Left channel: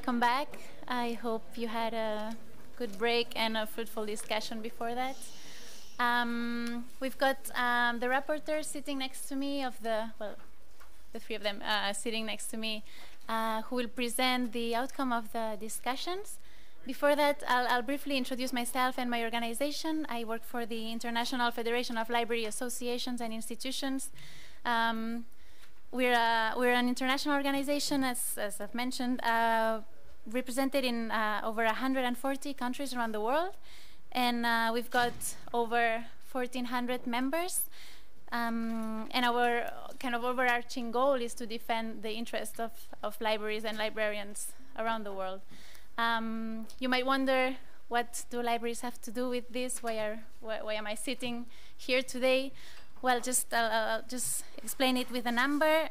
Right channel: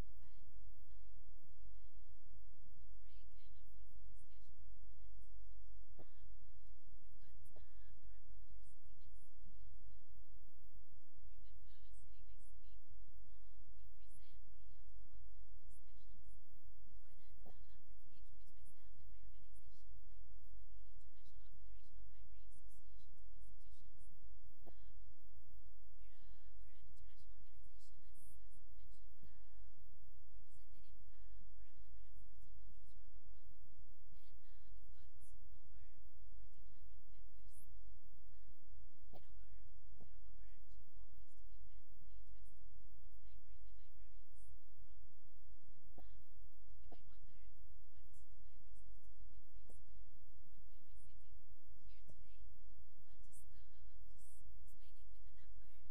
welcome back. I hope you had a good break and a fruitful discussion before that. We've got the rapporteurs sitting next to me, the three of them sitting next to me, who will present the outcome of the discussions. Before that, I'll briefly introduce myself and my organization. I work for the International Federation of Library Associations and Institutions. We're an international organization, as I've mentioned, represented in over 140 countries around the world, and we've got over 1,400 members. And our kind of overarching goal is to defend the interests of libraries and librarians around the world. You might wonder, what do libraries have to do with this? Why am I sitting here today? Well, I'll just explain it with a number.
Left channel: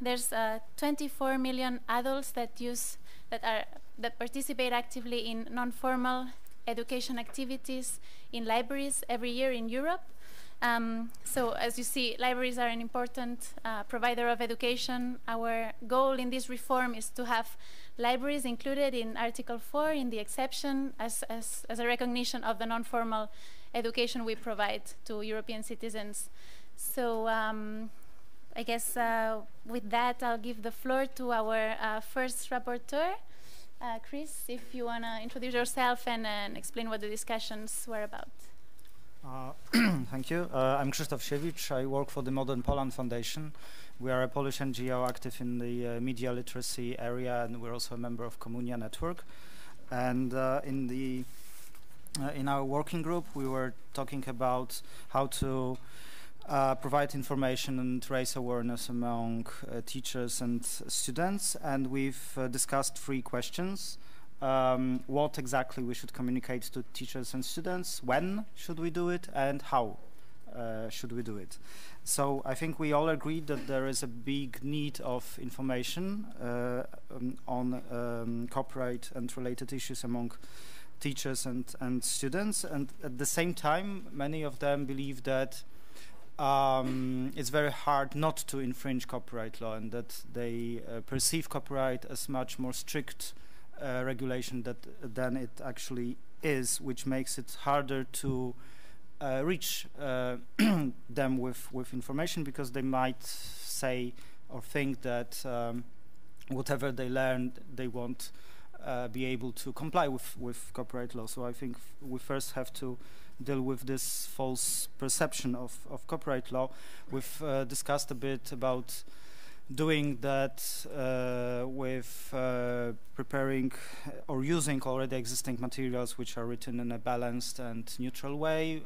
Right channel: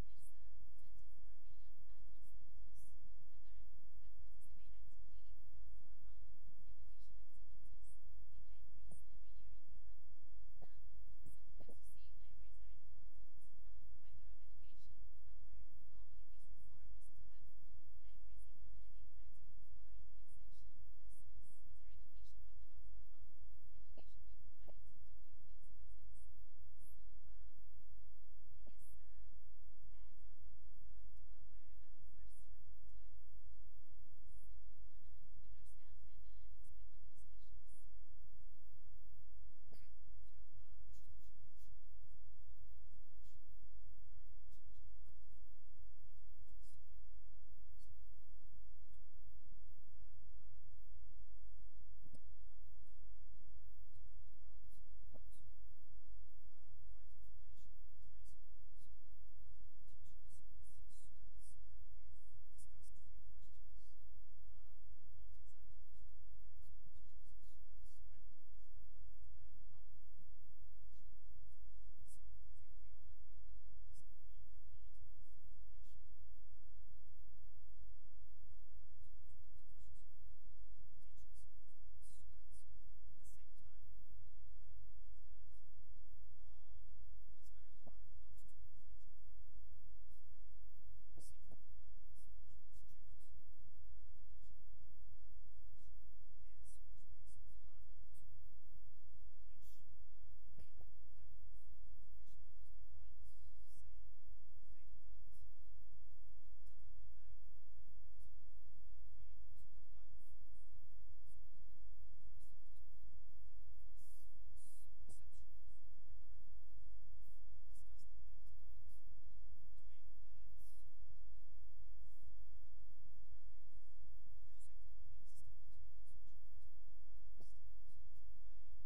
There's 24 million adults that participate actively in non-formal education activities in libraries every year in Europe. So as you see, libraries are an important provider of education. Our goal in this reform is to have libraries included in Article 4 in the exception as a recognition of the non-formal education we provide to European citizens. So I guess with that, I'll give the floor to our first rapporteur. Chris, if you want to introduce yourself and explain what the discussions were about. Thank you. I'm Krzysztof Siewicz. I work for the Modern Poland Foundation. We are a Polish NGO active in the media literacy area, and we're also a member of COMMUNIA network. And in our working group, we were talking about how to provide information and raise awareness among teachers and students. And we've discussed 3 questions. What exactly we should communicate to teachers and students, when should we do it, and how should we do it. So I think we all agree that there is a big need of information on copyright and related issues among teachers and students, and at the same time many of them believe that it's very hard not to infringe copyright law, and that they perceive copyright as much more strict regulation than it actually is, which makes it harder to reach them with information, because they might say or think that whatever they learn, they won't be able to comply with copyright law. So I think we first have to deal with this false perception of copyright law. We've discussed a bit about doing that with preparing or using already existing materials which are written in a balanced and neutral way,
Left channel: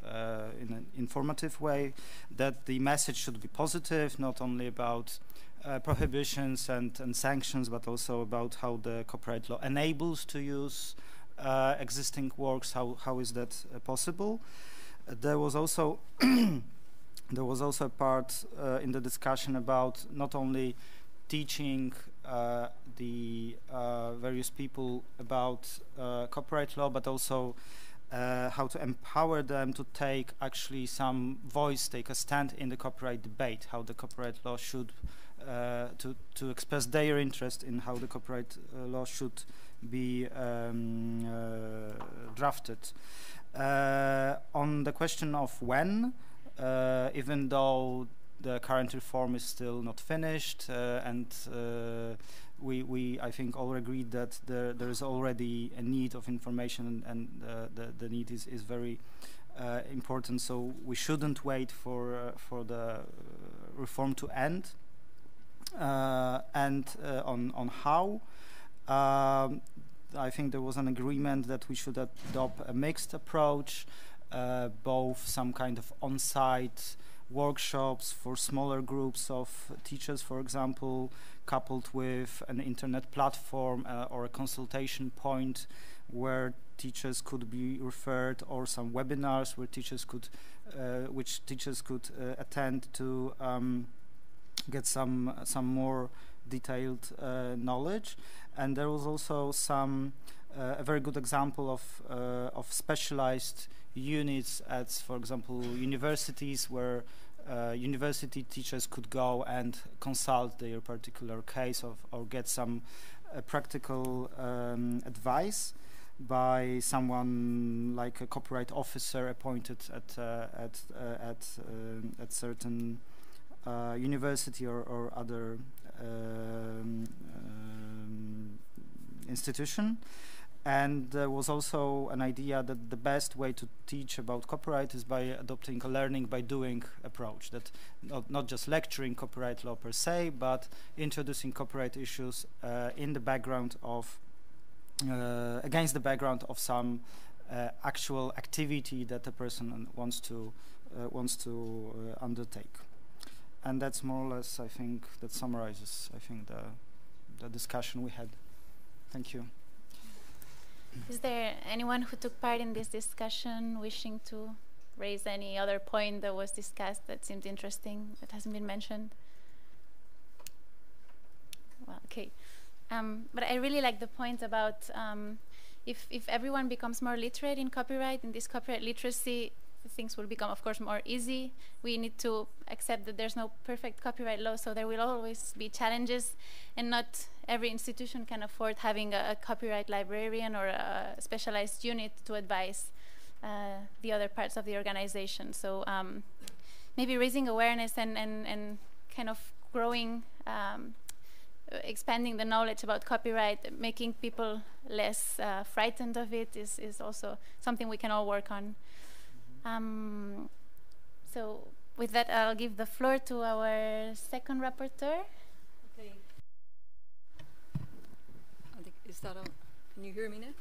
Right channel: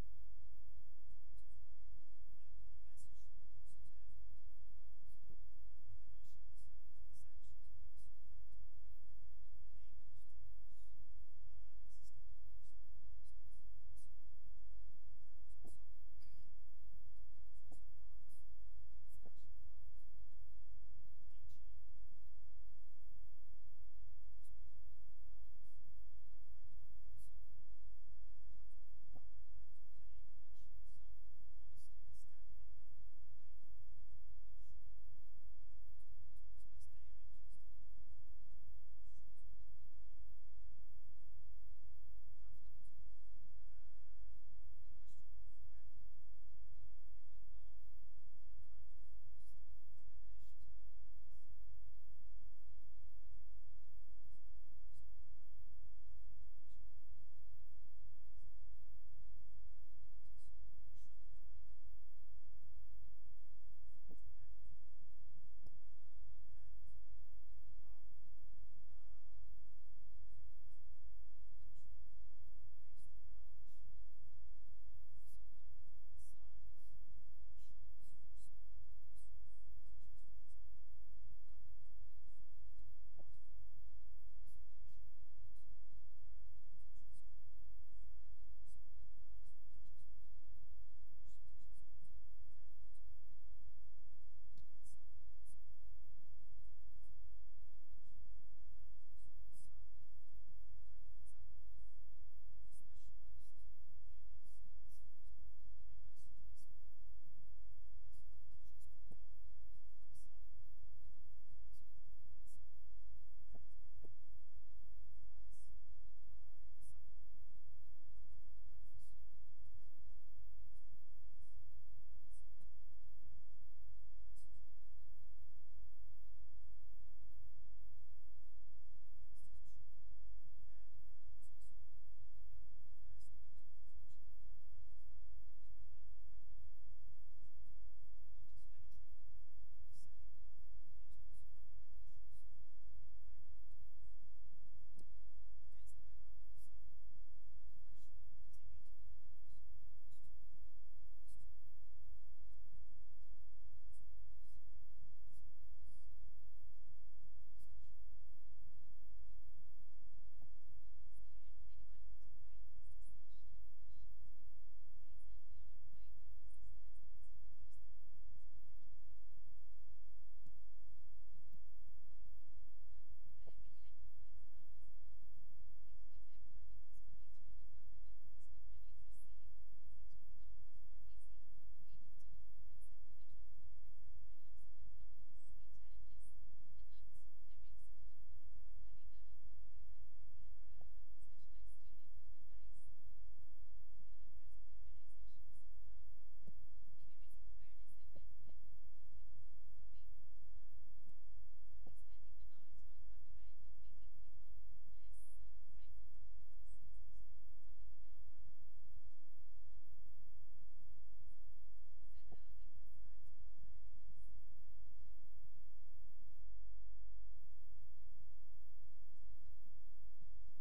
in an informative way, that the message should be positive, not only about prohibitions and sanctions, but also about how the copyright law enables to use existing works, how is that possible. There was also a part in the discussion about not only teaching the various people about copyright law, but also how to empower them to take actually some voice, take a stand in the copyright debate, how the copyright law should, to express their interest in how the copyright law should be drafted. On the question of when, even though the current reform is still not finished, and we I think all agreed that there is already a need of information, and the need is very important, so we shouldn't wait for the reform to end. And on how, I think there was an agreement that we should adopt a mixed approach, both some kind of on-site workshops for smaller groups of teachers, for example, coupled with an internet platform or a consultation point where teachers could be referred, or some webinars where teachers could, which teachers could attend to get some more detailed knowledge. And there was also some a very good example of specialized units at, for example, universities, where university teachers could go and consult their particular case or get some a practical advice by someone like a copyright officer appointed at certain university or other institution. And there was also an idea that the best way to teach about copyright is by adopting a learning by doing approach, that not just lecturing copyright law per se, but introducing copyright issues in the background of against the background of some actual activity that a person wants to undertake. And that's more or less, I think, that summarizes, I think, the discussion we had. Thank you. Is there anyone who took part in this discussion wishing to raise any other point that was discussed that seemed interesting, that hasn't been mentioned? Well, okay. But I really like the point about if everyone becomes more literate in copyright, in this copyright literacy, things will become, of course, more easy. We need to accept that there's no perfect copyright law, so there will always be challenges, and not every institution can afford having a copyright librarian or a specialized unit to advise the other parts of the organization. So maybe raising awareness and kind of growing, expanding the knowledge about copyright, making people less frightened of it is also something we can all work on. So with that, I'll give the floor to our second rapporteur. Okay. Is that on? Can you hear me now?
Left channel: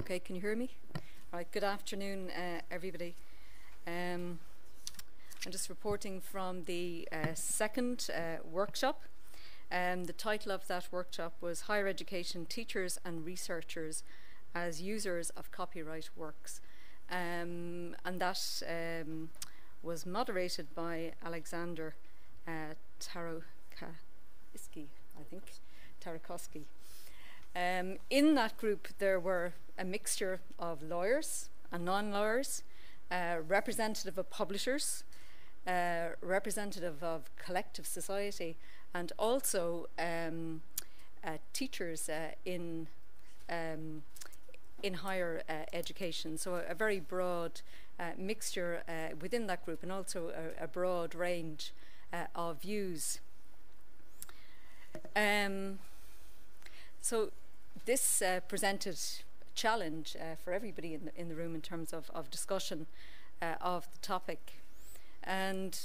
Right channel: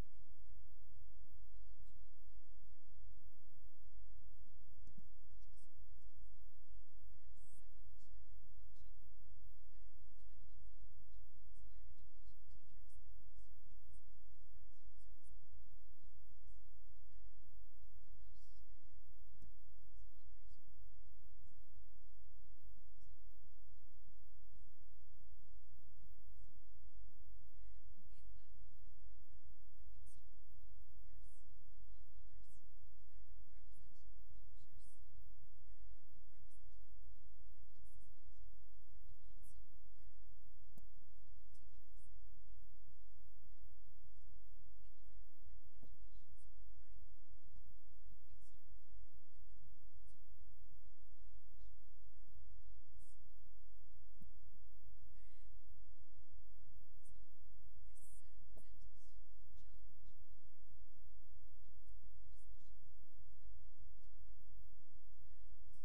Okay, can you hear me? All right, good afternoon, everybody. I'm just reporting from the second workshop. The title of that workshop was Higher Education Teachers and Researchers as Users of Copyright Works. And that was moderated by Aleksander Tarkowski, I think, Tarkowski. In that group there were a mixture of lawyers and non-lawyers, representative of publishers, representative of collective society, and also teachers in higher education. So a very broad mixture within that group, and also a broad range of views. So this presented a challenge for everybody in the room in terms of discussion of the topic. And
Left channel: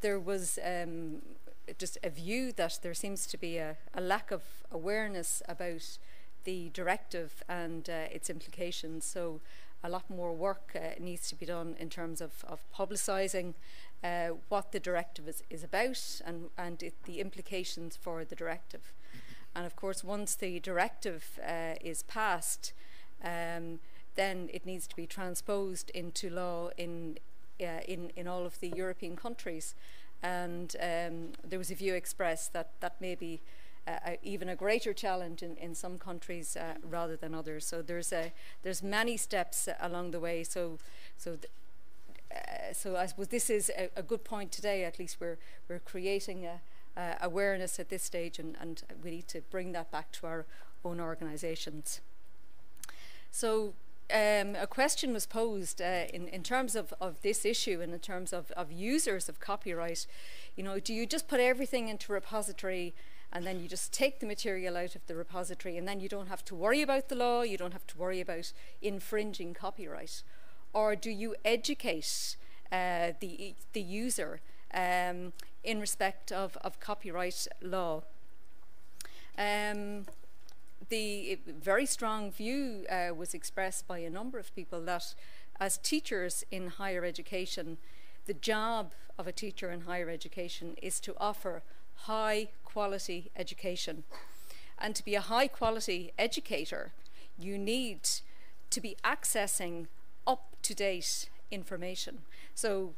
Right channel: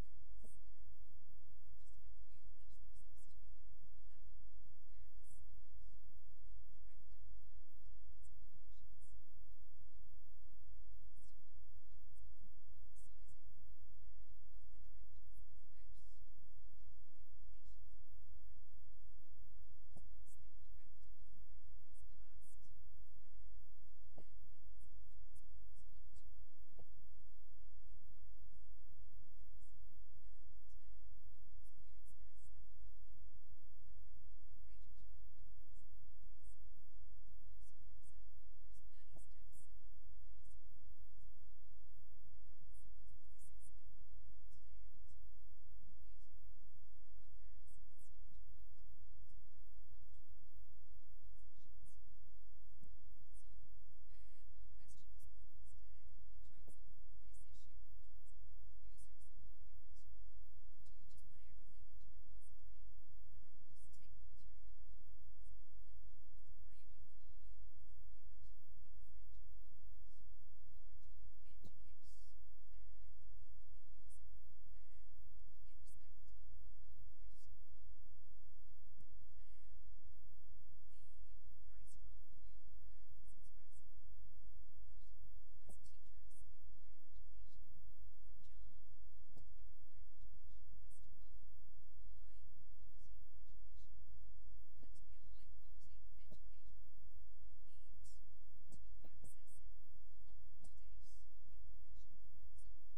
there was just a view that there seems to be a lack of awareness about the directive and its implications. So a lot more work needs to be done in terms of publicising what the directive is about and the implications for the directive. And of course, once the directive is passed, then it needs to be transposed into law in all of the European countries. And there was a view expressed that may be even a greater challenge in some countries rather than others. So there's many steps along the way. So I suppose this is a good point today. At least we're creating awareness at this stage, and we need to bring that back to our own organisations. So a question was posed in terms of this issue and in terms of users of copyright. You know, do you just put everything into a repository and then you just take the material out of the repository and then you don't have to worry about the law, you don't have to worry about infringing copyright? Or do you educate the user in respect of copyright law? The very strong view was expressed by a number of people that as teachers in higher education, the job of a teacher in higher education is to offer high quality education. And to be a high quality educator, you need to be accessing up-to-date information. So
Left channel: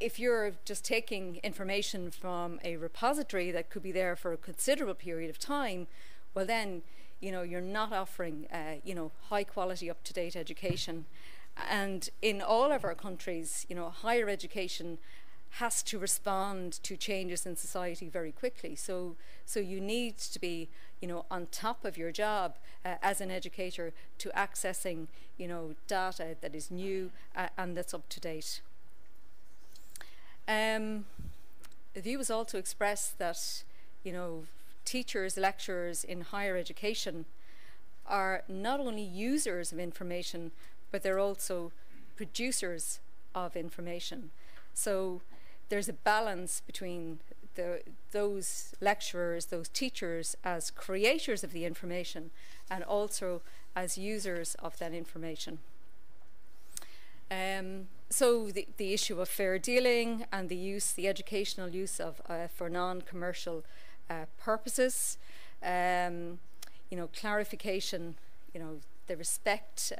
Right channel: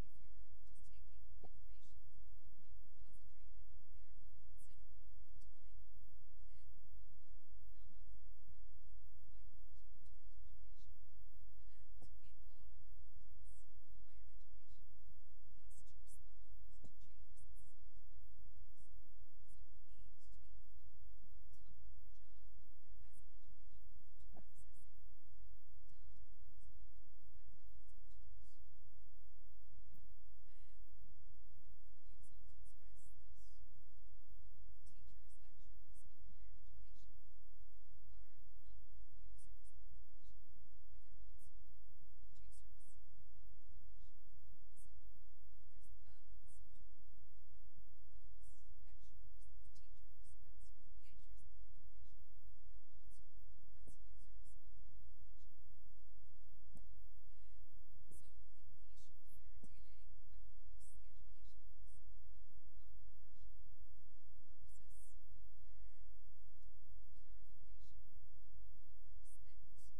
if you're just taking information from a repository that could be there for a considerable period of time, well then, you know, you're not offering, you know, high quality up-to-date education. And in all of our countries, you know, higher education has to respond to changes in society very quickly. So you need to be, you know, on top of your job as an educator to accessing, you know, data that is new and that's up to date. The view was also expressed that, you know, teachers, lecturers in higher education are not only users of information, but they're also producers of information. So there's a balance between those lecturers, those teachers as creators of the information and also as users of that information. So the issue of fair dealing and the educational use of for non-commercial purposes, you know, clarification, you know, the respect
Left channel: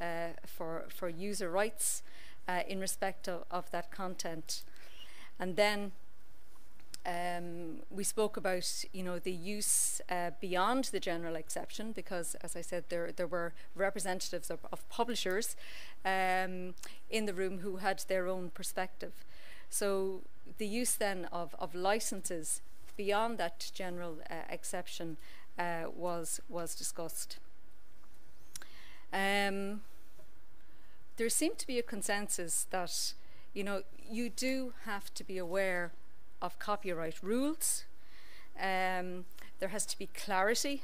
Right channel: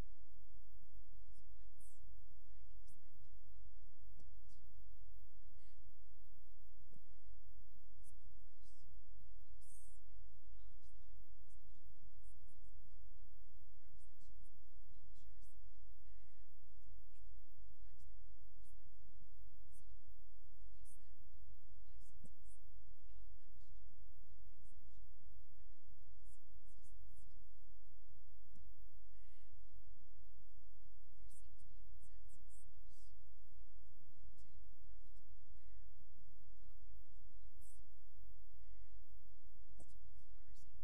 for user rights in respect of that content. And then we spoke about, you know, the use beyond the general exception, because, as I said, there were representatives of publishers in the room who had their own perspective. So the use then of licenses beyond that general exception was discussed. There seemed to be a consensus that, you know, you do have to be aware of copyright rules. There has to be clarity,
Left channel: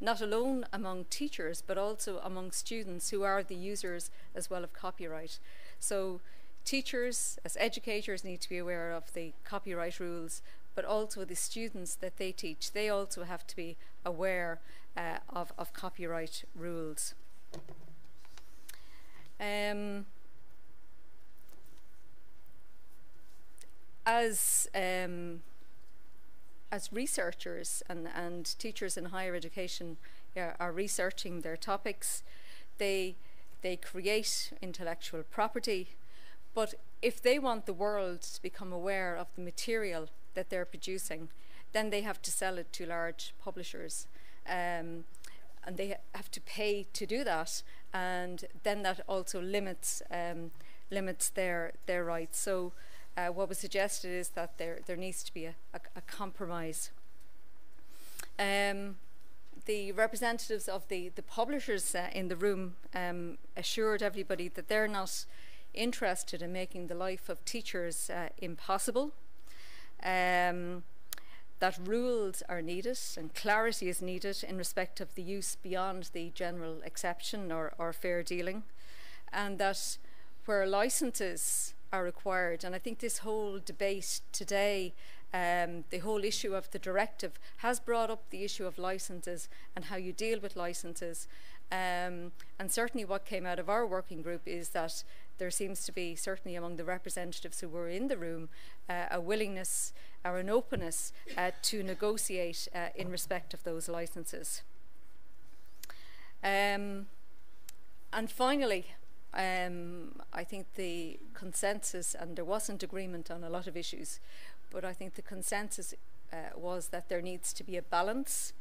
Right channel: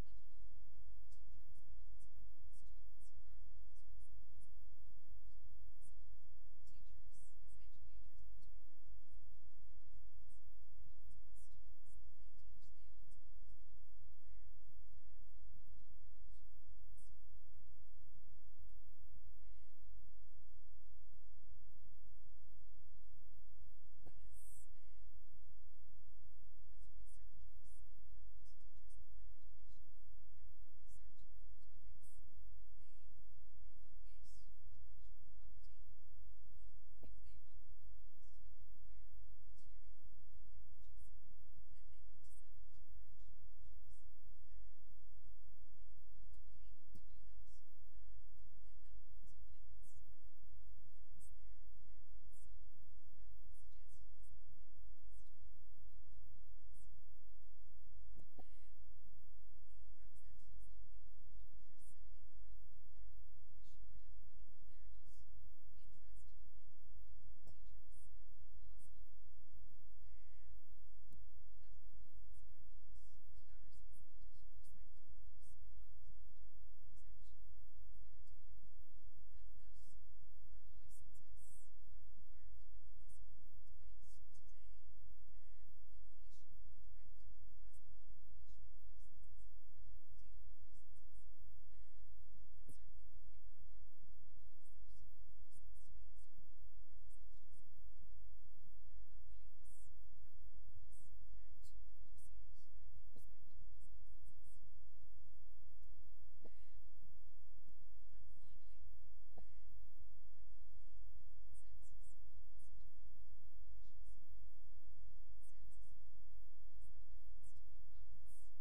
not alone among teachers, but also among students who are the users as well of copyright. So teachers, as educators, need to be aware of the copyright rules, but also the students that they teach, they also have to be aware of copyright rules. As researchers and teachers in higher education are researching their topics, they create intellectual property, but if they want the world to become aware of the material that they're producing, then they have to sell it to large publishers, and they have to pay to do that, and then that also limits their rights. So what was suggested is that there needs to be a compromise. The representatives of the publishers in the room assured everybody that they're not interested in making the life of teachers impossible, that rules are needed and clarity is needed in respect of the use beyond the general exception or fair dealing, and that where licenses are required, and I think this whole debate today, the whole issue of the directive has brought up the issue of licenses and how you deal with licenses, and certainly what came out of our working group is that there seems to be, certainly among the representatives who were in the room, a willingness or an openness to negotiate in respect of those licenses. And finally, I think the consensus, and there wasn't agreement on a lot of issues, but I think the consensus was that there needs to be a balance.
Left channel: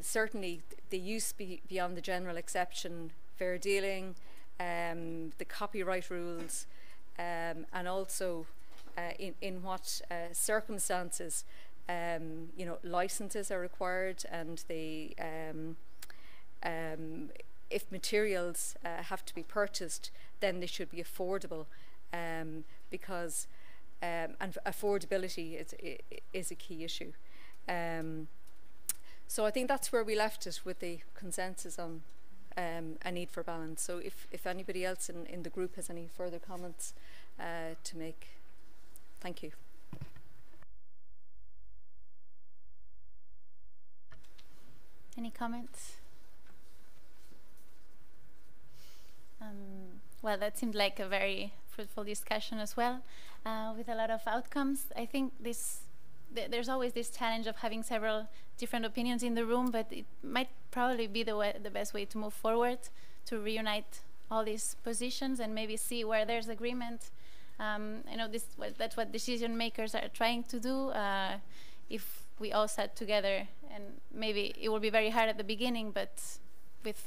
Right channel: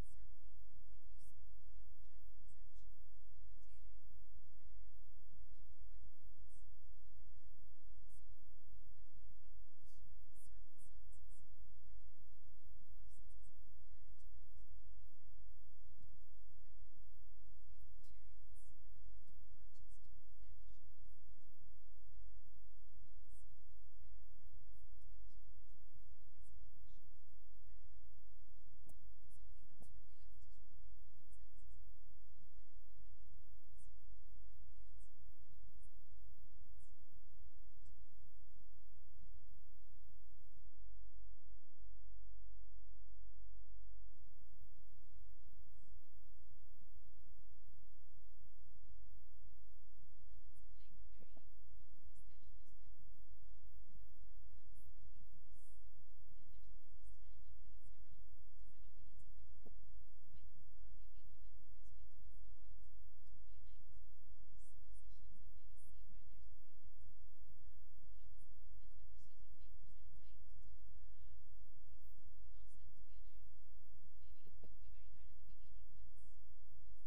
Certainly the use beyond the general exception, fair dealing, the copyright rules, and also in what circumstances you know, licenses are required, and the if materials have to be purchased, then they should be affordable, because and affordability is a key issue. So I think that's where we left it, with the consensus on a need for balance. So if anybody else in the group has any further comments to make, thank you. Any comments? Well, that seemed like a very fruitful discussion as well, with a lot of outcomes. I think there's always this challenge of having several different opinions in the room, but it might probably be the best way to move forward, to reunite all these positions and maybe see where there's agreement. I know that's what decision makers are trying to do. If we all sat together, and maybe it will be very hard at the beginning, but with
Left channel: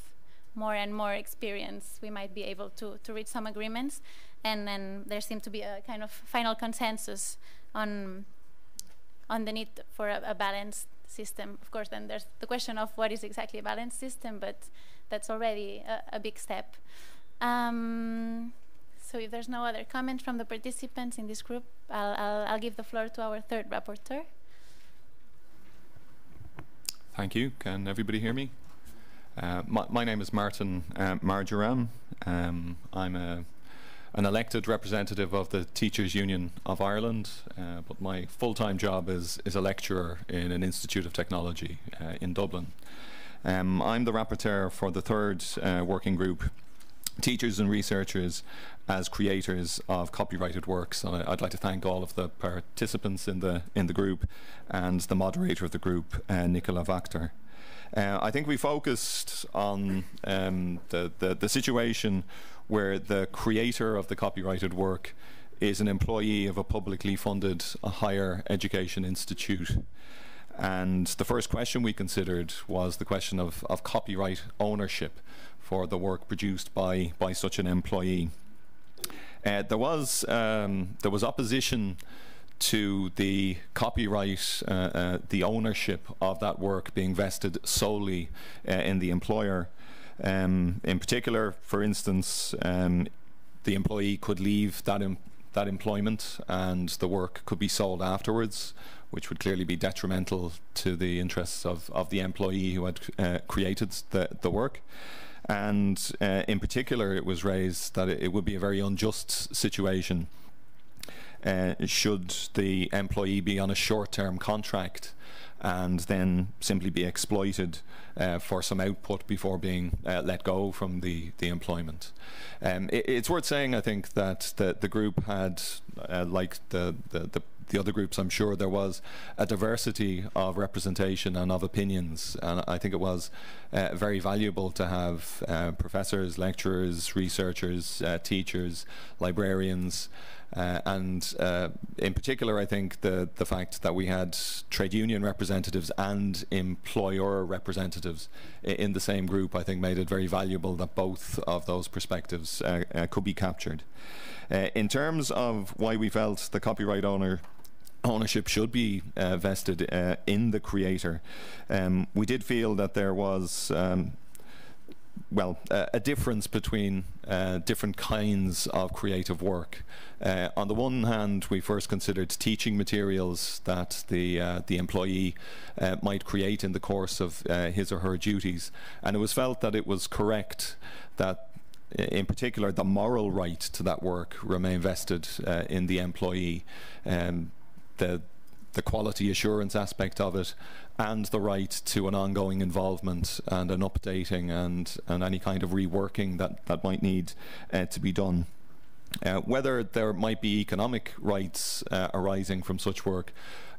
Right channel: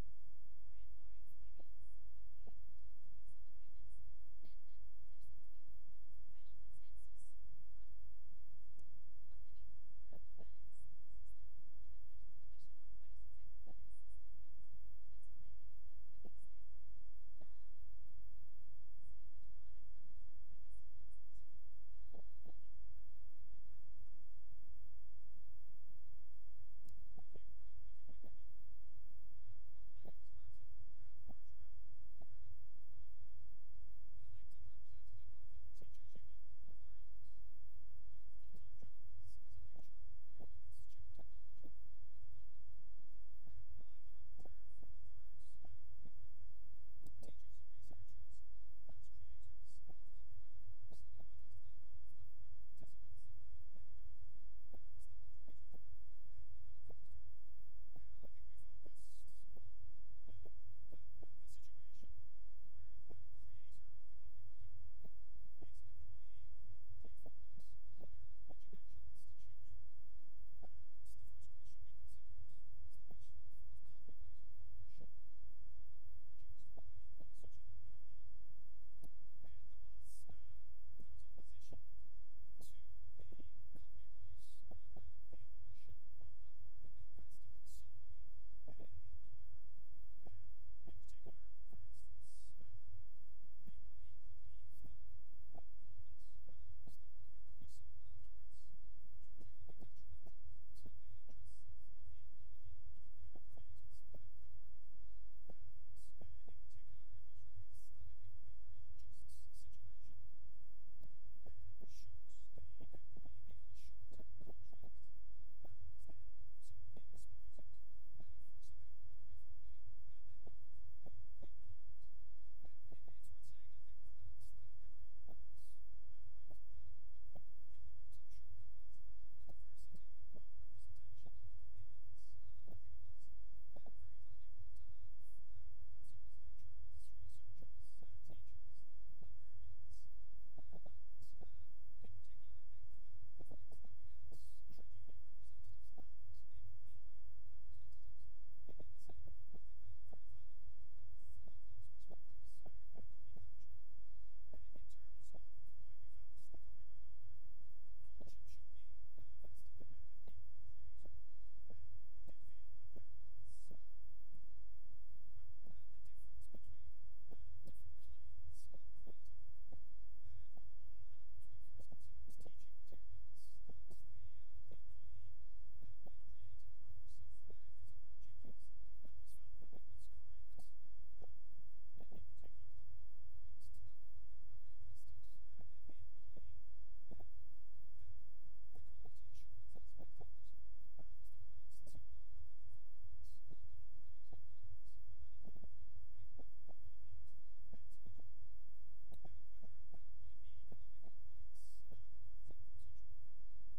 more and more experience, we might be able to reach some agreements. and then there seemed to be a kind of final consensus on the need for a balanced system. Of course, then there's the question of what is exactly a balanced system, but that's already a big step. So if there's no other comment from the participants in this group, I'll give the floor to our third rapporteur. Thank you. Can everybody hear me? My name is Martin Marjoram. I'm an elected representative of the Teachers Union of Ireland, but my full-time job is a lecturer in an Institute of Technology in Dublin. I'm the rapporteur for the third working group, Teachers and Researchers as Creators of Copyrighted Works. And I'd like to thank all of the participants in the group and the moderator of the group, Nicola Wachter. I think we focused on the situation where the creator of the copyrighted work is an employee of a publicly funded higher education institute. And the first question we considered was the question of copyright ownership for the work produced by such an employee. There was opposition to the copyright, the ownership of that work being vested solely in the employer. In particular, for instance, the employee could leave that employment and the work could be sold afterwards, which would clearly be detrimental to the interests of the employee who had created the work. And in particular, it was raised that it would be a very unjust situation should the employee be on a short-term contract and then simply be exploited for some output before being let go from the employment. It's worth saying, I think, that the group had, like the other groups, I'm sure there was a diversity of representation and of opinions, and I think it was very valuable to have professors, lecturers, researchers, teachers, librarians, and in particular, I think the fact that we had trade union representatives and employer representatives in the same group, I think made it very valuable that both of those perspectives could be captured. In terms of why we felt the copyright ownership should be vested in the creator, we did feel that there was a difference between different kinds of creative work. On the one hand, we first considered teaching materials that the employee might create in the course of his or her duties, and it was felt that it was correct that in particular the moral right to that work remain vested in the employee, the quality assurance aspect of it, and the right to an ongoing involvement and an updating and any kind of reworking that might need to be done. Whether there might be economic rights arising from such work,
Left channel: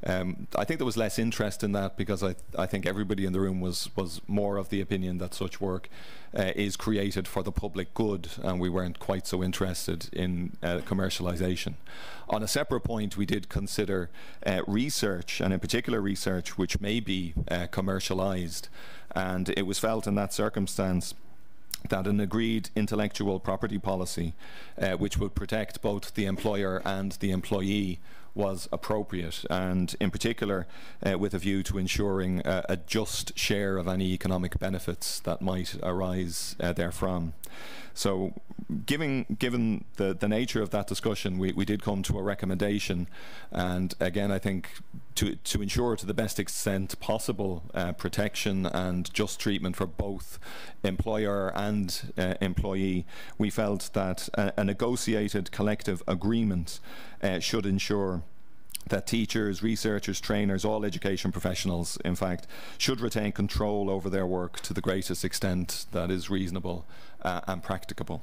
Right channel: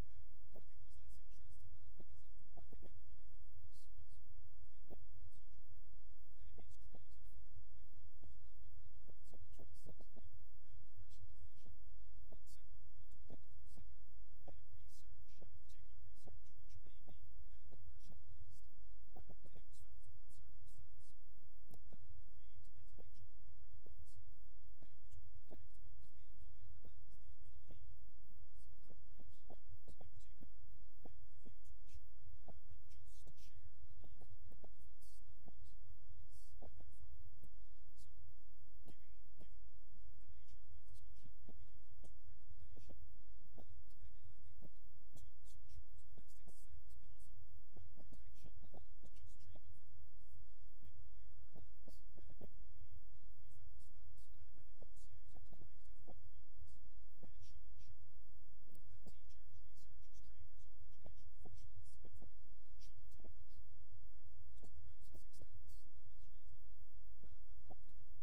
I think there was less interest in that, because I think everybody in the room was more of the opinion that such work is created for the public good, and we weren't quite so interested in commercialization. On a separate point, we did consider research, and in particular research which may be commercialized, and it was felt in that circumstance that an agreed intellectual property policy which would protect both the employer and the employee was appropriate, and in particular with a view to ensuring a just share of any economic benefits that might arise therefrom. So given the nature of that discussion, we did come to a recommendation, and again I think to ensure to the best extent possible protection and just treatment for both employer and employee, we felt that a negotiated collective agreement should ensure that teachers, researchers, trainers, all education professionals, in fact, should retain control over their work to the greatest extent that is reasonable and practicable.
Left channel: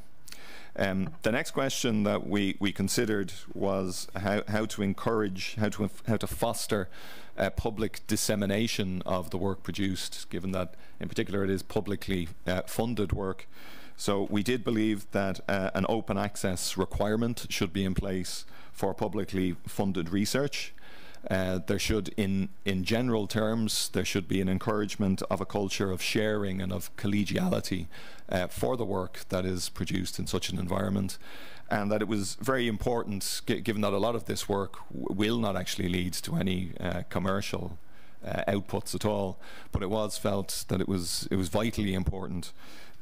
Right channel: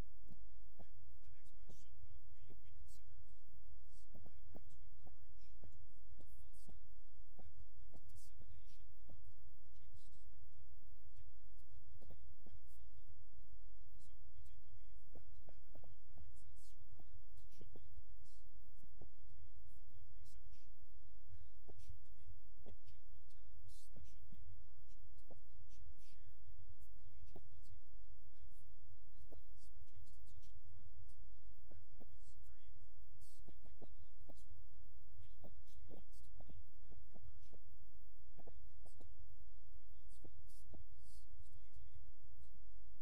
The next question that we considered was how to encourage, how to foster public dissemination of the work produced, given that in particular it is publicly funded work. So we did believe that an open access requirement should be in place for publicly funded research. There should, in general terms, there should be an encouragement of a culture of sharing and of collegiality for the work that is produced in such an environment. and that it was very important, given that a lot of this work will not actually lead to any commercial outputs at all, but it was felt that it was vitally important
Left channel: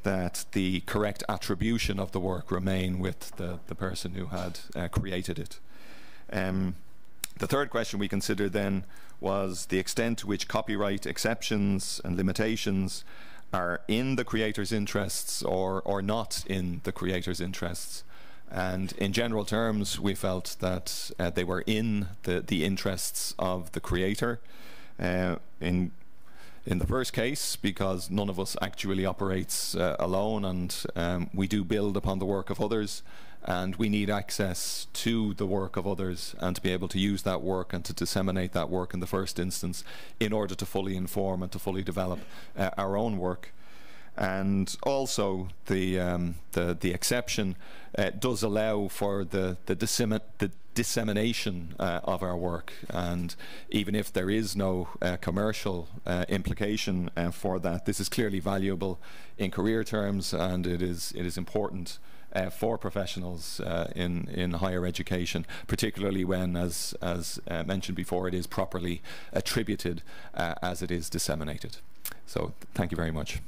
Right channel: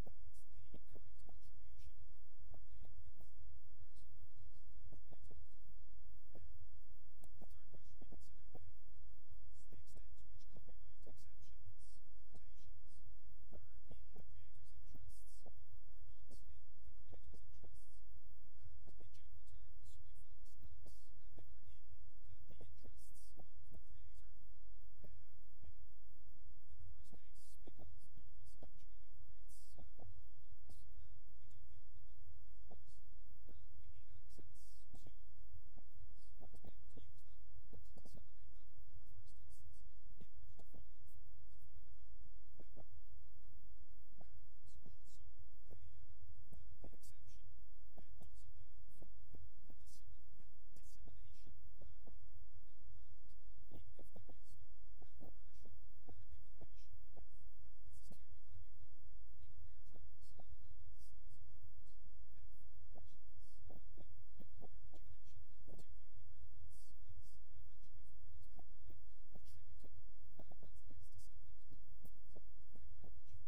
that the correct attribution of the work remain with the person who had created it. The third question we considered then was the extent to which copyright exceptions and limitations are in the creator's interests or not in the creator's interests. And in general terms, we felt that they were in the interests of the creator. In the first case, because none of us actually operates alone, and we do build upon the work of others, and we need access to the work of others and to be able to use that work and to disseminate that work in the first instance in order to fully inform and to fully develop our own work. And also the exception does allow for the dissemination of our work, and even if there is no commercial implication for that, this is clearly valuable in career terms, and it is important for professionals in higher education, particularly when, as mentioned before, it is properly attributed as it is disseminated. So thank you very much.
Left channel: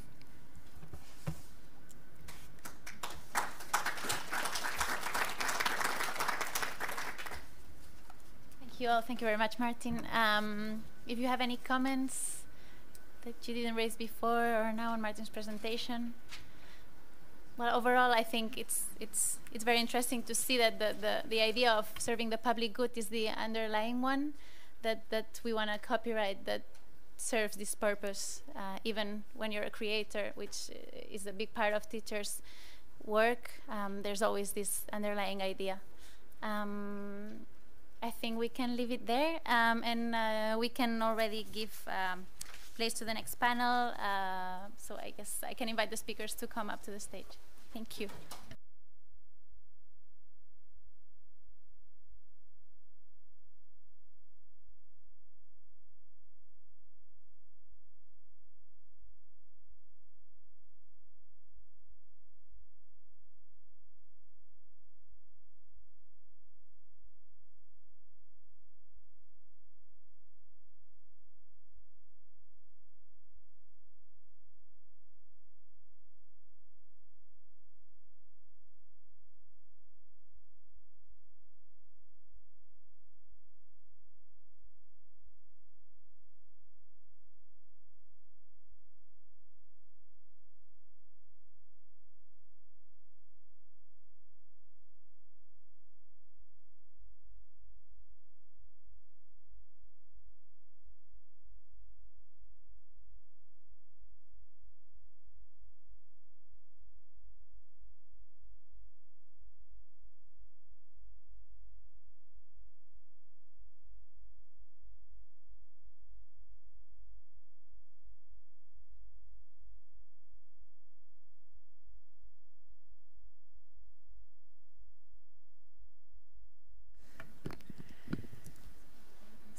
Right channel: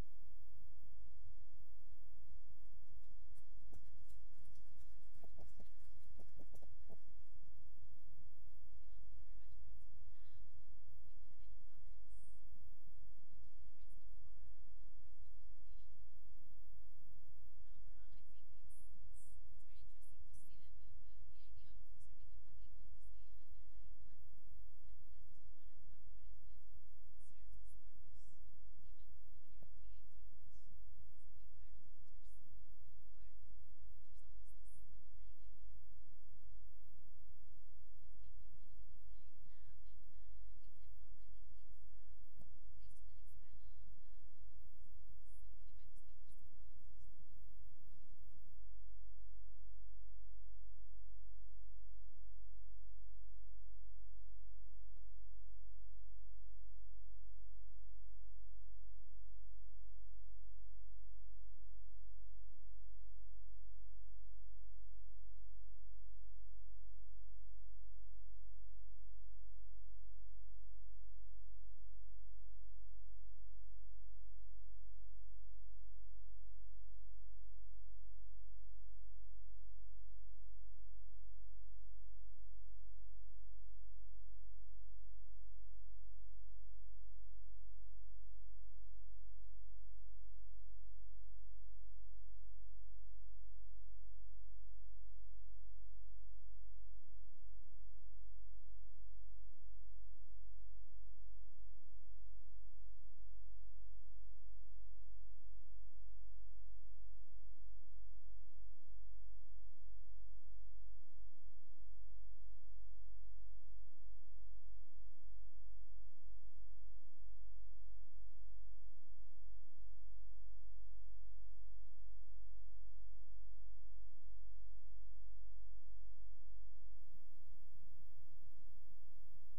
Thank you very much, Martin. If you have any comments that you didn't raise before or now on Martin's presentation. Well, overall, I think it's very interesting to see that the idea of serving the public good is the underlying one, that we want a copyright that serves this purpose, even when you're a creator, which is a big part of teachers' work. There's always this underlying idea. I think we can leave it there, and we can already give place to the next panel. So I guess I can invite the speakers to come up to the stage. Thank you.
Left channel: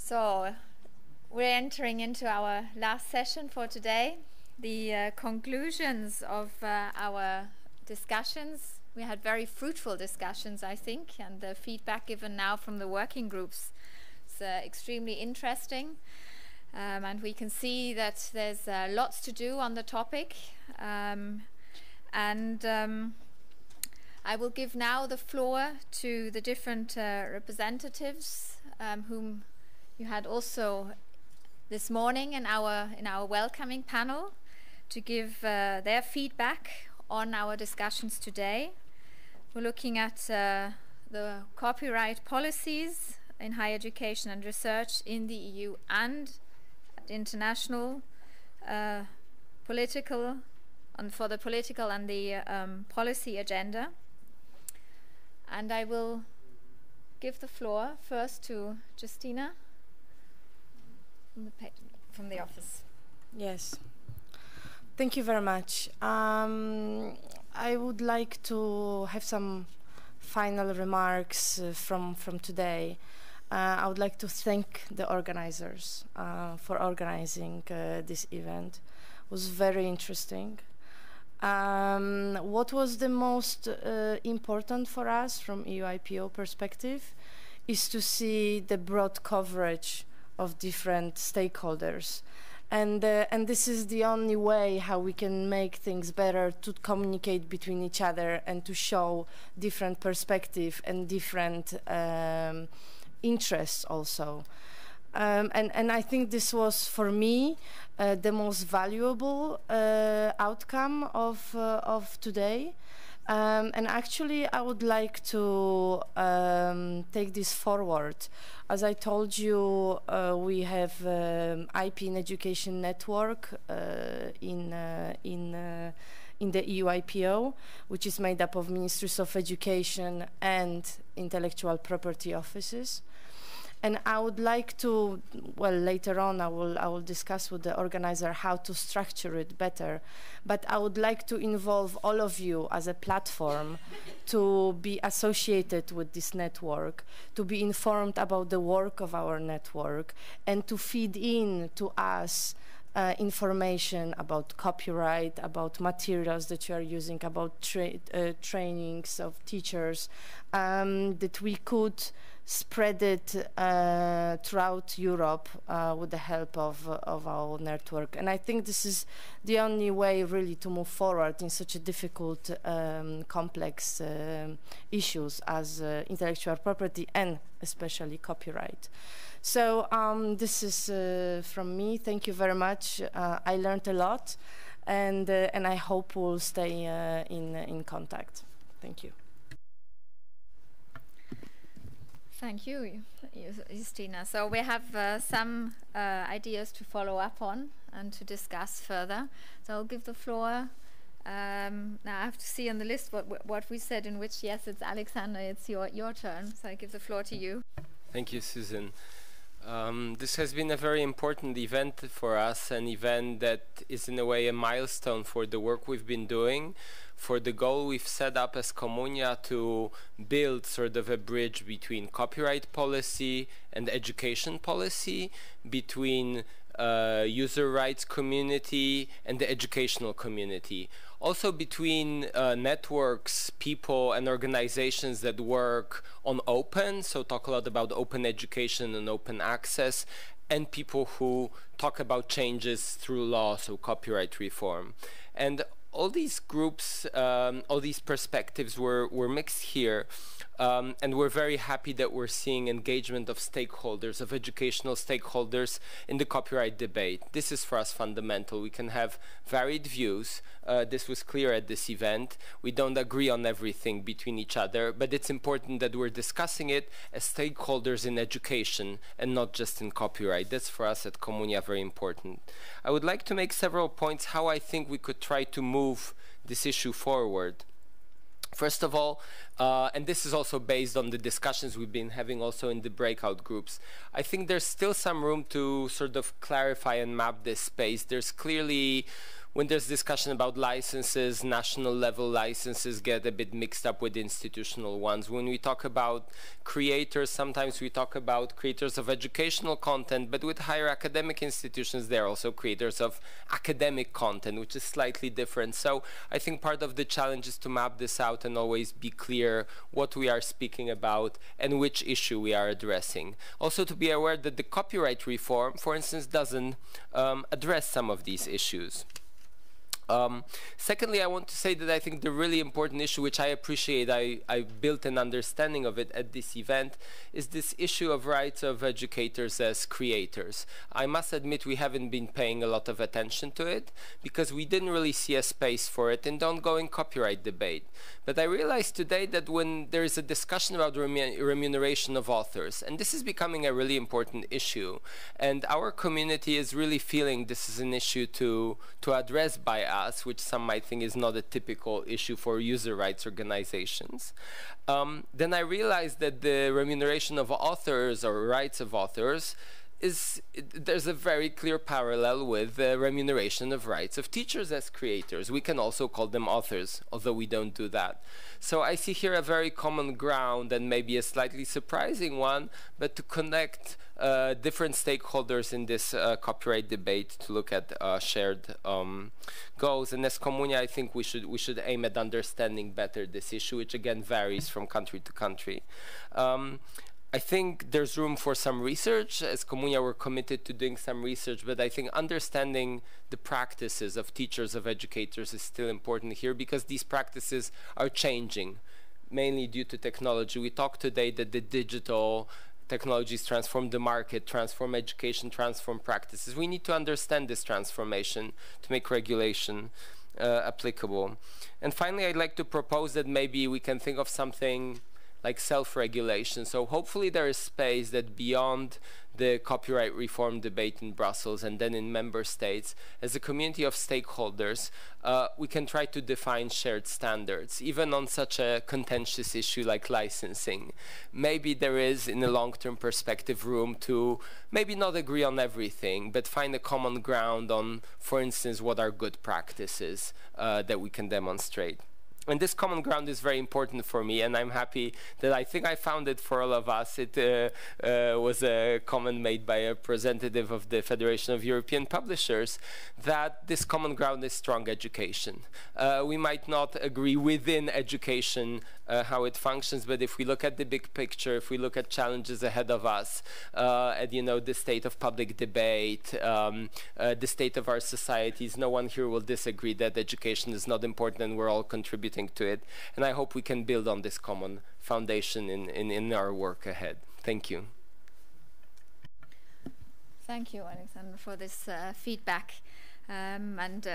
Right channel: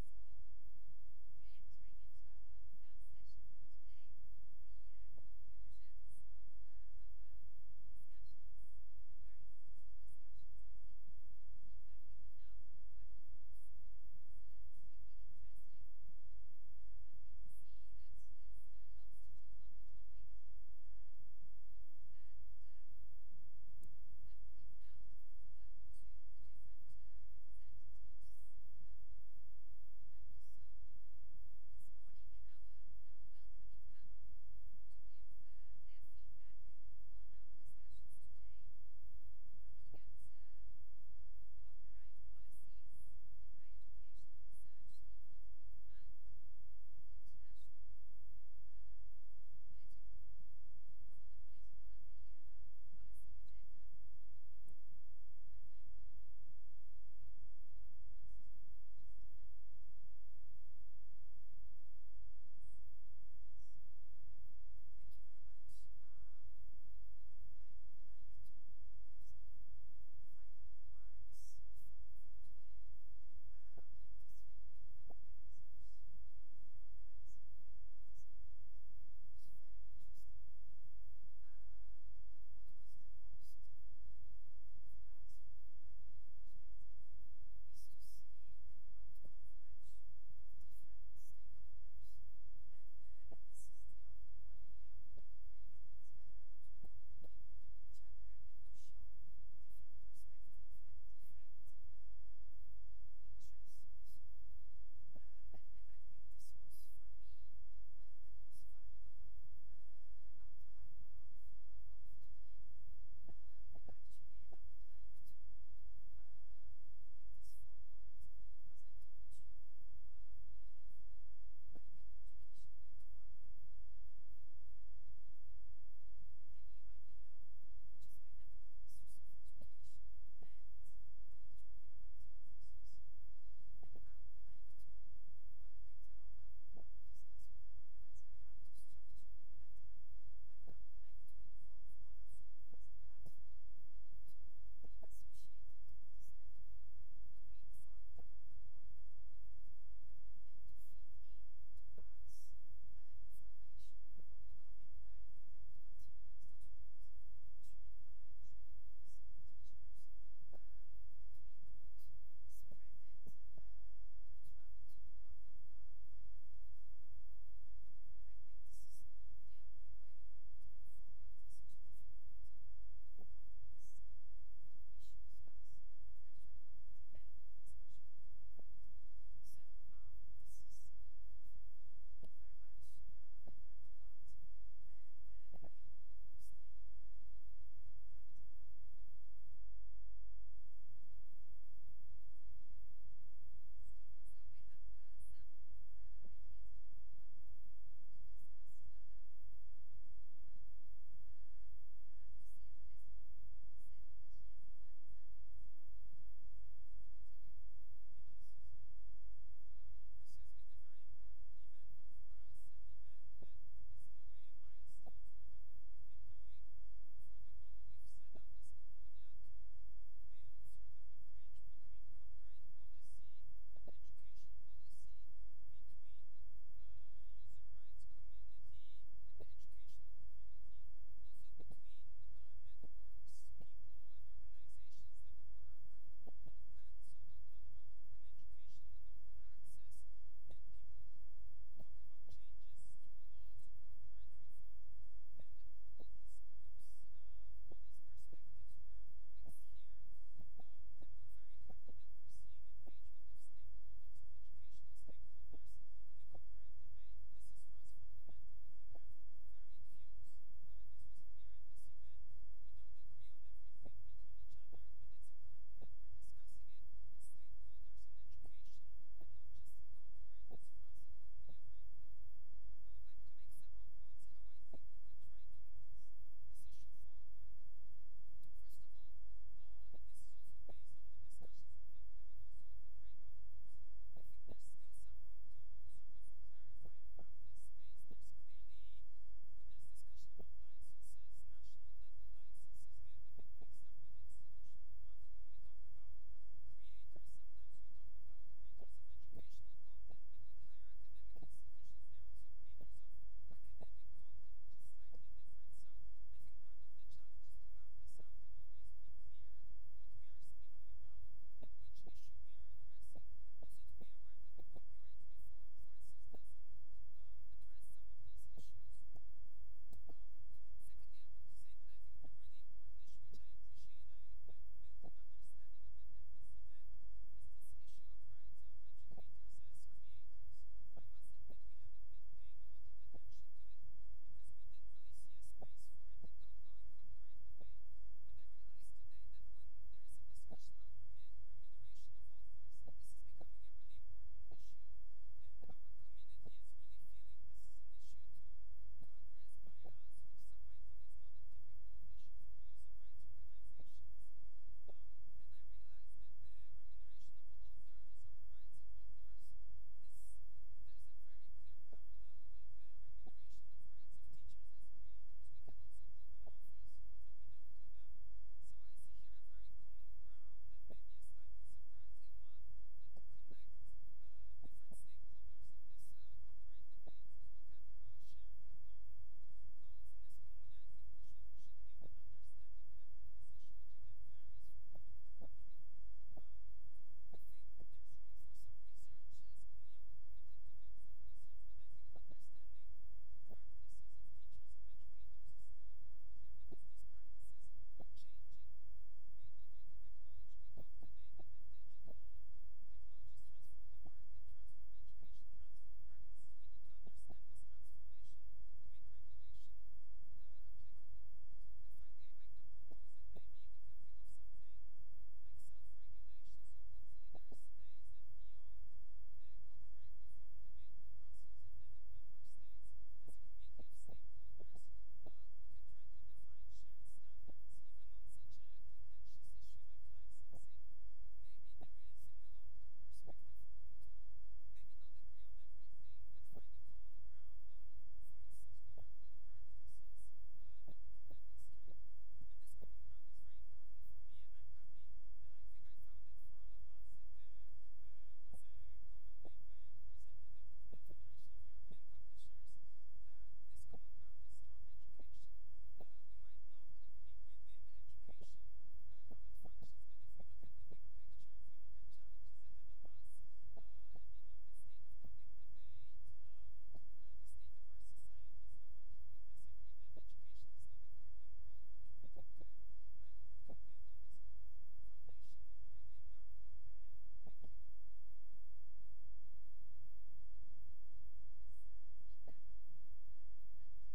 So we're entering into our last session for today, the conclusions of our discussions. We had very fruitful discussions, I think, and the feedback given now from the working groups is extremely interesting. And we can see that there's lots to do on the topic. I will give now the floor to the different representatives whom you had also this morning in our welcoming panel to give their feedback on our discussions today. We're looking at the copyright policies in higher education and research in the EU and at international political and for the political and the policy agenda. And I will give the floor first to Justyna from the office. Yes, thank you very much. I would like to have some final remarks from today. I would like to thank the organizers for organizing this event. It was very interesting. What was the most important for us from EUIPO perspective is to see the broad coverage of different stakeholders. And this is the only way how we can make things better, to communicate between each other and to show different perspective and different interests also. And I think this was, for me, the most valuable outcome of today. And actually, I would like to take this forward. As I told you, we have IP in Education network in the EUIPO, which is made up of Ministries of Education and intellectual property offices. And I would like to, well, later on I will discuss with the organizer how to structure it better. But I would like to involve all of you as a platform to be associated with this network, to be informed about the work of our network, and to feed in to us information about copyright, about materials that you are using, about trainings of teachers, that we could spread it throughout Europe with the help of our network. And I think this is the only way really to move forward in such a difficult, complex issues as intellectual property and especially copyright. So this is from me. Thank you very much. I learned a lot, and I hope we'll stay in contact. Thank you. Thank you, Justyna. So we have some ideas to follow up on and to discuss further. So I'll give the floor. Now I have to see on the list what we said in which. Yes, it's Aleksander. It's your turn. So I give the floor to you. Thank you, Susan. This has been a very important event for us, an event that is in a way a milestone for the work we've been doing, for the goal we've set up as COMMUNIA to build sort of a bridge between copyright policy and education policy, between user rights community and the educational community. Also between networks, people and organizations that work on open, so talk a lot about open education and open access, and people who talk about changes through law, so copyright reform. And all these groups, all these perspectives were mixed here, and we're very happy that we're seeing engagement of stakeholders, of educational stakeholders in the copyright debate. This is for us fundamental. We can have varied views. This was clear at this event. We don't agree on everything between each other, but it's important that we're discussing it as stakeholders in education and not just in copyright. That's for us at COMMUNIA very important. I would like to make several points how I think we could try to move this issue forward. First of all, and this is also based on the discussions we've been having also in the breakout groups, I think there's still some room to sort of clarify and map this space. There's clearly, when there's discussion about licenses, national level licenses get a bit mixed up with institutional ones. When we talk about creators, sometimes we talk about creators of educational content, but with higher academic institutions, they're also creators of academic content, which is slightly different. So I think part of the challenge is to map this out and always be clear what we are speaking about and which issue we are addressing. Also to be aware that the copyright reform, for instance, doesn't address some of these issues. Secondly, I want to say that I think the really important issue, which I appreciate, I built an understanding of it at this event, is this issue of rights of educators as creators. I must admit we haven't been paying a lot of attention to it because we didn't really see a space for it in the ongoing copyright debate. But I realized today that when there is a discussion about remuneration of authors, and this is becoming a really important issue, and our community is really feeling this is an issue to address by us, which some might think is not a typical issue for user rights organizations, then I realized that the remuneration of authors or rights of authors there's a very clear parallel with the remuneration of rights of teachers as creators. We can also call them authors, although we don't do that. So I see here a very common ground and maybe a slightly surprising one, but to connect different stakeholders in this copyright debate to look at shared goals. And as COMMUNIA, I think we should aim at understanding better this issue, which again varies from country to country. I think there's room for some research. As COMMUNIA, we're committed to doing some research, but I think understanding the practices of teachers, of educators is still important here, because these practices are changing, mainly due to technology. We talked today that the digital technologies transform the market, transform education, transform practices. We need to understand this transformation to make regulation applicable. And finally, I'd like to propose that maybe we can think of something like self-regulation. So hopefully there is space that beyond the copyright reform debate in Brussels and then in member states, as a community of stakeholders, we can try to define shared standards, even on such a contentious issue like licensing. Maybe there is, in a long-term perspective, room to maybe not agree on everything, but find a common ground on, for instance, what are good practices that we can demonstrate. And this common ground is very important for me, and I'm happy that I think I found it for all of us. It was a comment made by a representative of the Federation of European Publishers, that this common ground is strong education. We might not agree within education how it functions, but if we look at the big picture, if we look at challenges ahead of us, at the state of public debate, the state of our societies, no one here will disagree that education is not important and we're all contributing to it. And I hope we can build on this common foundation in our work ahead. Thank you. Thank you, Aleksander, for this feedback. And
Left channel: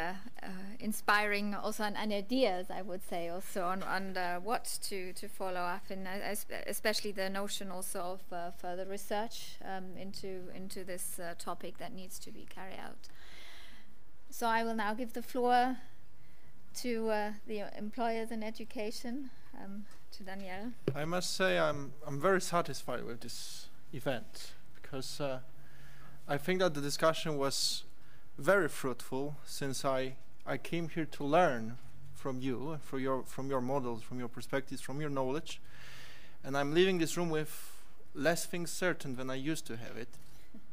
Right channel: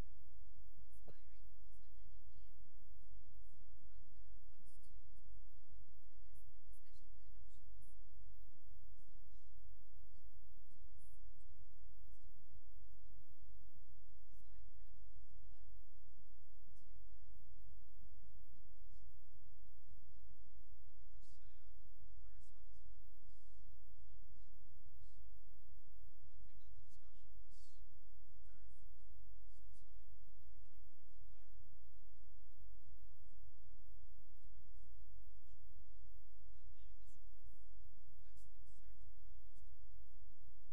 inspiring also on ideas, I would say, also on what to follow up in, especially the notion also of further research into this topic that needs to be carried out. So I will now give the floor to the employers in education, to Danielle. I must say I'm very satisfied with this event, because I think that the discussion was very fruitful, since I came here to learn from you, from your models, from your perspectives, from your knowledge, and I'm leaving this room with less things certain than I used to have it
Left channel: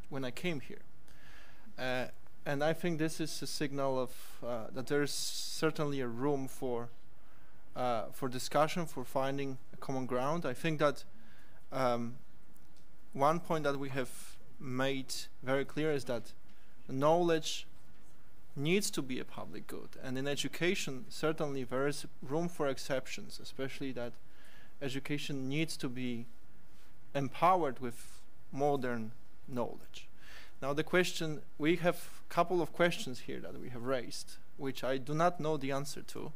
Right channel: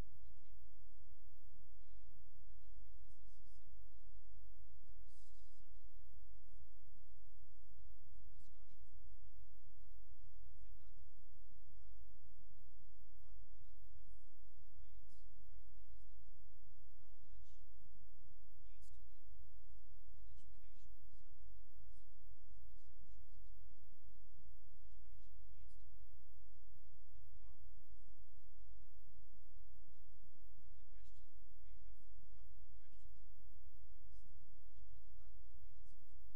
when I came here. And I think this is a signal of that there is certainly a room for discussion, for finding a common ground. I think that one point that we have made very clear is that knowledge needs to be a public good, and in education certainly there is room for exceptions, especially that education needs to be empowered with modern knowledge. Now the question, we have a couple of questions here that we have raised, which I do not know the answer to,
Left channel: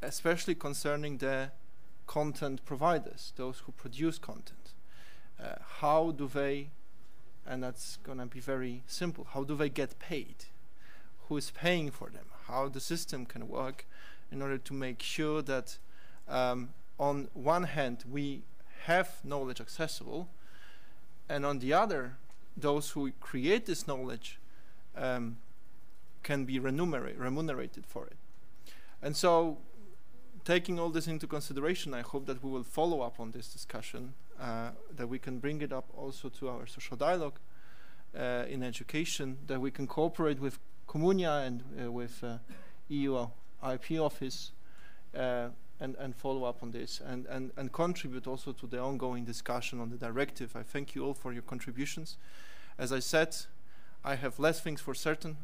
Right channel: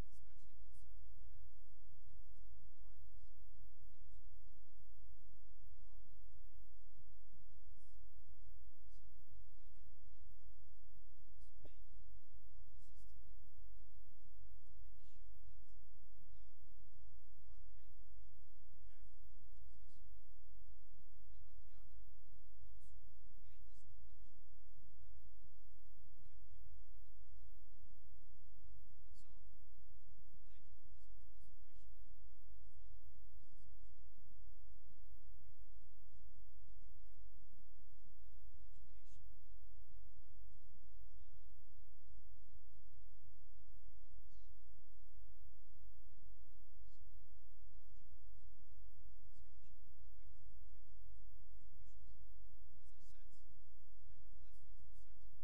especially concerning the content providers, those who produce content. How do they, and that's going to be very simple, how do they get paid? Who is paying for them? How the system can work in order to make sure that on one hand we have knowledge accessible, and on the other, those who create this knowledge can be remunerated for it. And so, taking all this into consideration, I hope that we will follow up on this discussion, that we can bring it up also to our social dialogue in education, that we can cooperate with COMMUNIA and with EUIPO office and follow up on this and contribute also to the ongoing discussion on the directive. I thank you all for your contributions. As I said, I have less things for certain,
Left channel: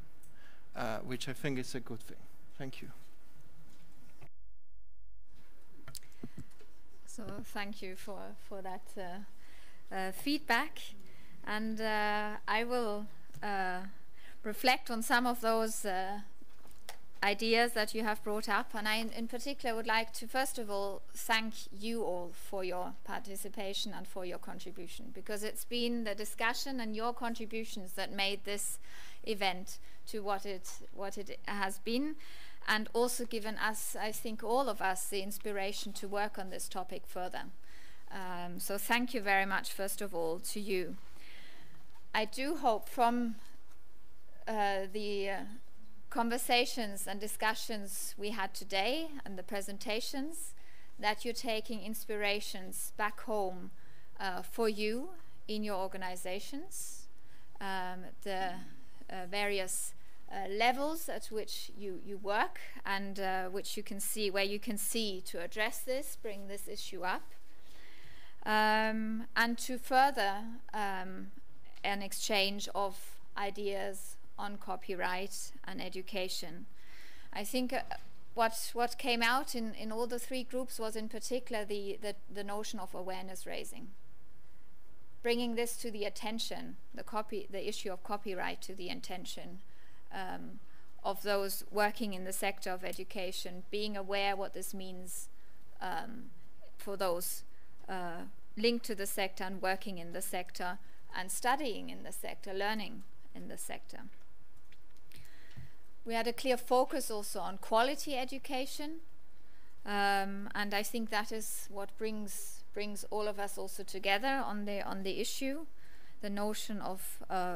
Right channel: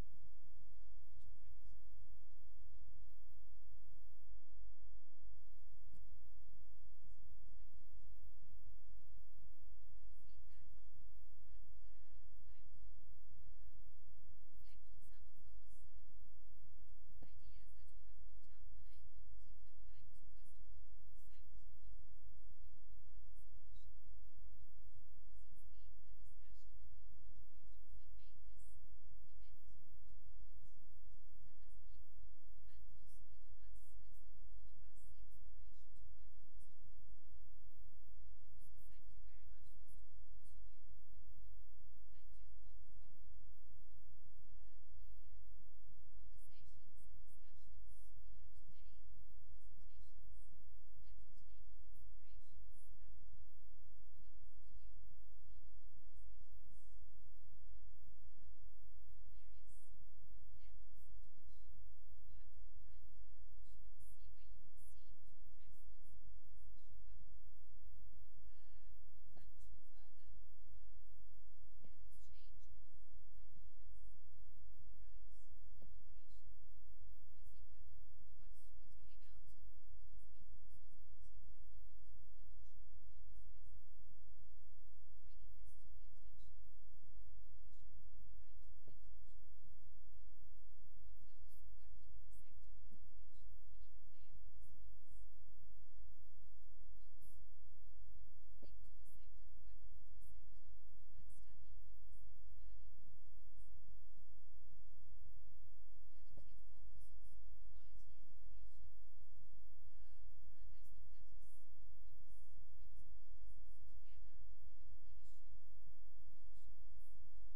which I think is a good thing. Thank you. So thank you for that feedback, and I will reflect on some of those ideas that you have brought up, and I in particular would like to first of all thank you all for your participation and for your contribution, because it's been the discussion and your contributions that made this event to what it has been, and also given us, I think all of us, the inspiration to work on this topic further. So thank you very much, first of all, to you. I do hope from the conversations and discussions we had today and the presentations that you're taking inspirations back home for you in your organizations, the various levels at which you work, and which you can see, where you can see to address this, bring this issue up, and to further an exchange of ideas on copyright and education. I think what came out in all the three groups was in particular the notion of awareness raising. Bringing this to the attention, the issue of copyright to the attention of those working in the sector of education, being aware what this means for those linked to the sector and working in the sector and studying in the sector, learning in the sector. We had a clear focus also on quality education, and I think that is what brings all of us also together on the issue, the notion of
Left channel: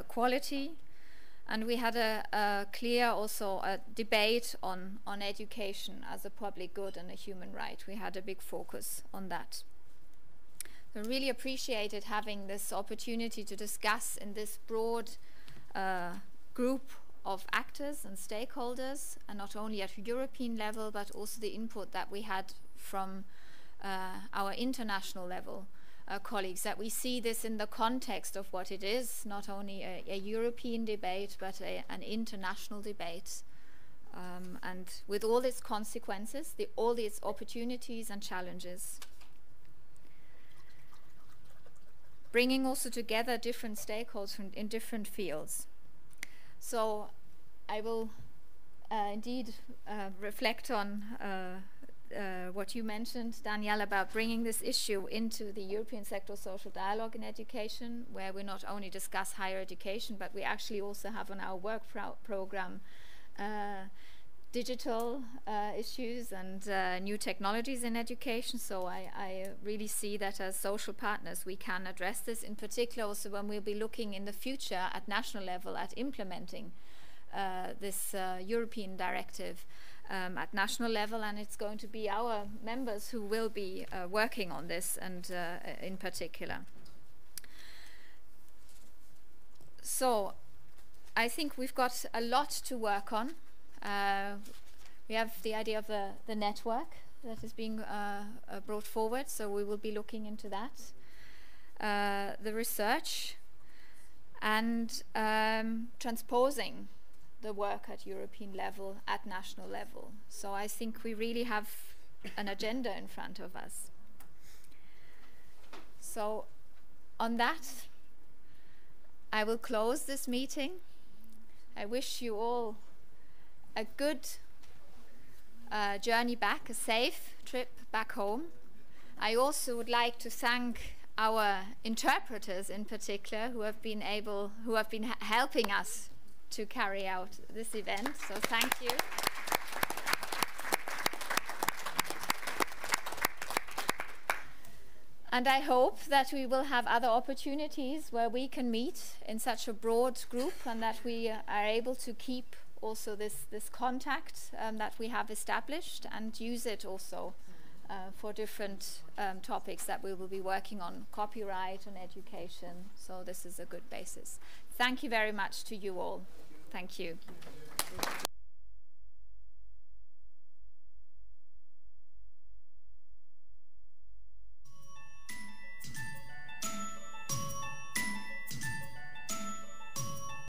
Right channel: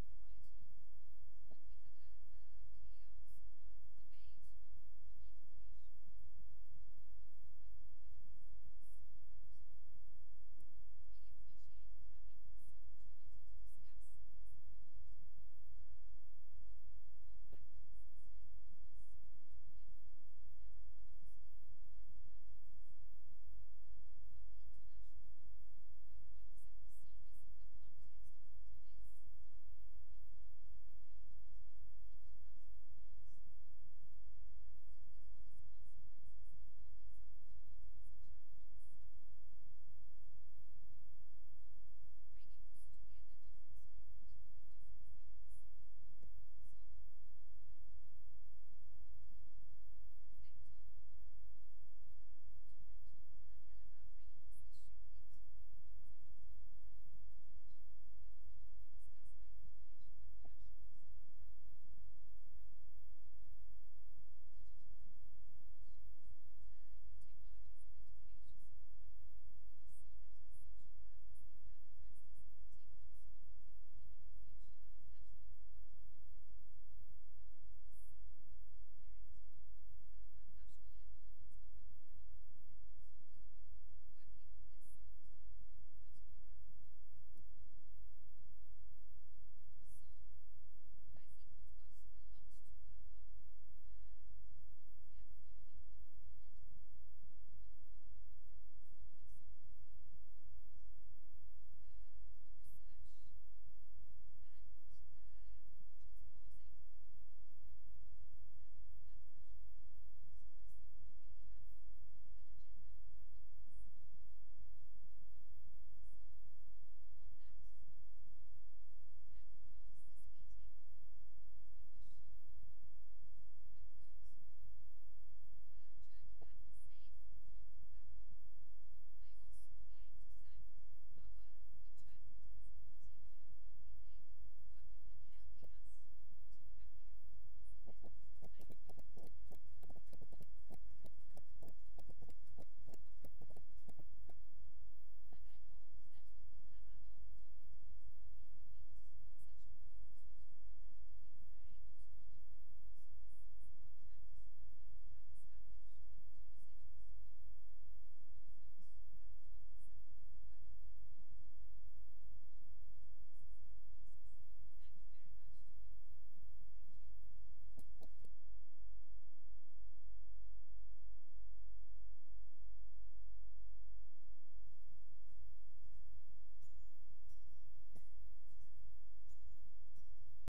quality. And we had a clear also a debate on education as a public good and a human right. We had a big focus on that. I really appreciated having this opportunity to discuss in this broad group of actors and stakeholders, and not only at European level, but also the input that we had from our international level colleagues, that we see this in the context of what it is, not only a European debate, but an international debate, and with all its consequences, all its opportunities and challenges. Bringing also together different stakeholders in different fields. So I will indeed reflect on what you mentioned, Danielle, about bringing this issue into the European sector social dialogue in education, where we not only discuss higher education, but we actually also have on our work program digital issues and new technologies in education. So I really see that as social partners we can address this, in particular also when we'll be looking in the future at national level at implementing this European directive at national level, and it's going to be our members who will be working on this, and in particular. So I think we've got a lot to work on. We have the idea of the network that is being brought forward, so we will be looking into that. The research and transposing the work at European level, at national level. So I think we really have an agenda in front of us. So on that, I will close this meeting. I wish you all a good journey back, a safe trip back home. I also would like to thank our interpreters in particular, who have been helping us to carry out this event, so thank you. And I hope that we will have other opportunities where we can meet in such a broad group, and that we are able to keep also this contact that we have established, and use it also for different topics that we will be working on, copyright and education. So this is a good basis. Thank you very much to you all. Thank you.